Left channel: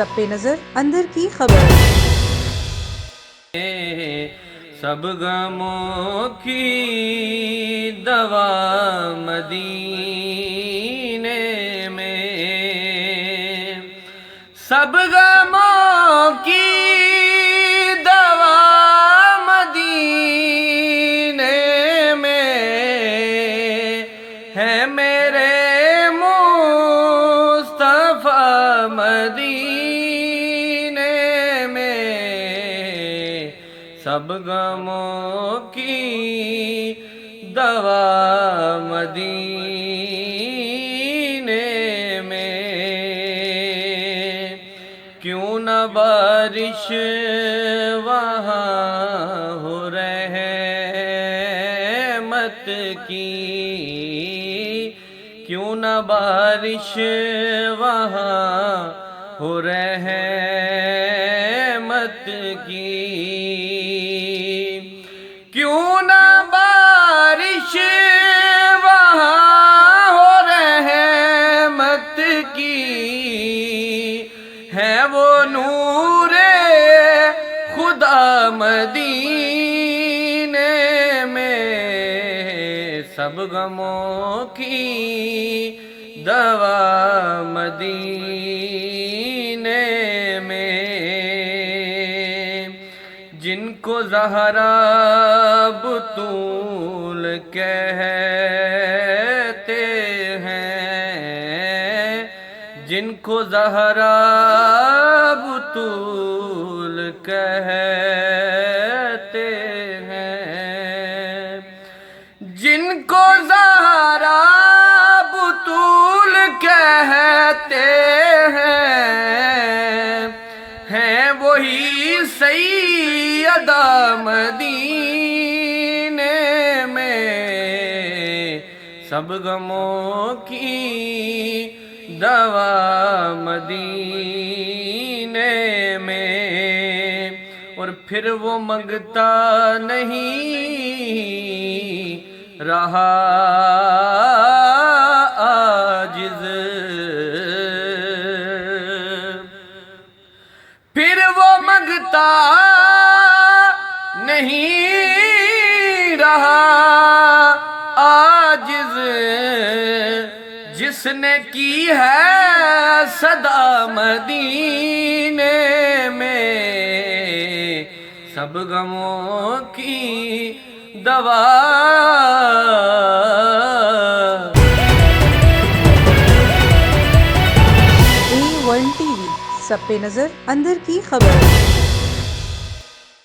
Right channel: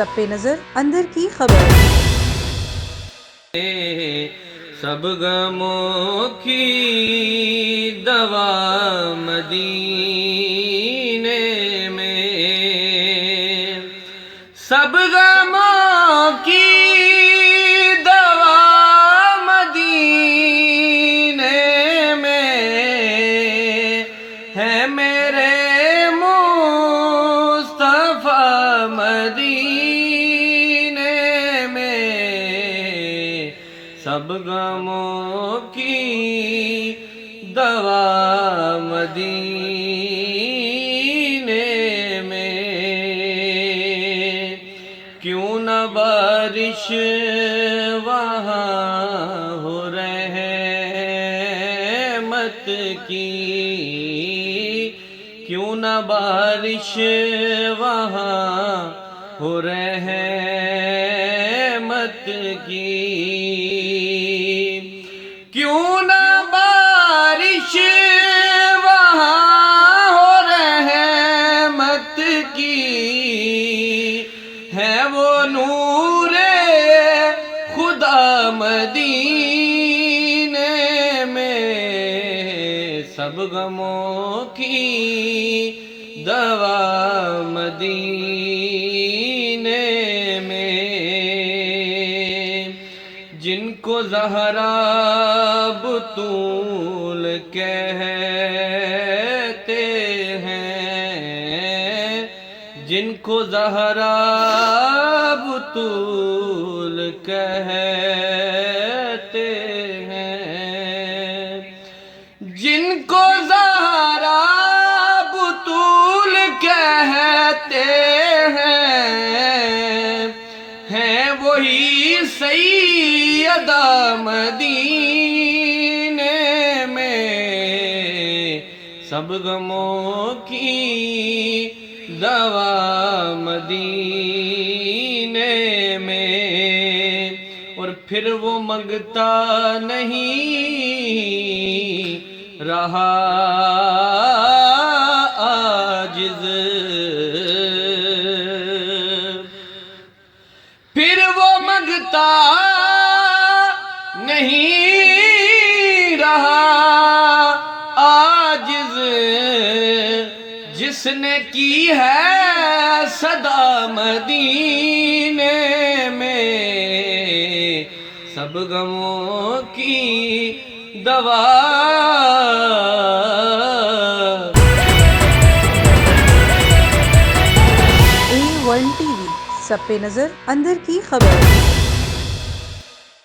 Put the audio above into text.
سب پہ نظر اندر کی خبر۔ سب غموں کی دوا مدینے میں، سب غموں کی دوا مدینے میں ہے، میرے مصطفیٰ مدینے میں، سب غموں کی دوا مدینے میں۔ کیوں نہ بارش وہاں ہو رحمت کی، کیوں نہ بارش وہاں ہو رحمت کی، کیوں نہ بارش وہاں ہو رحمت کی، ہے وہ نور خدا مدینے میں، سب غموں کی دوا مدینے میں۔ جن کو زہرا بطول کہتے ہیں، جن کو زہرا بطول کہتے ہیں، جن کو زہرا بطول کہتے ہیں وہی سیدہ مدینے میں، سب غموں کی دوا مدینے میں۔ اور پھر وہ منگتا نہیں رہا عاجز، پھر وہ منگتا نہیں رہا عاجز، جس نے کی ہے صدا مدینے میں، سب غموں کی دوا۔ A1 TV، سب پہ نظر اندر کی خبر۔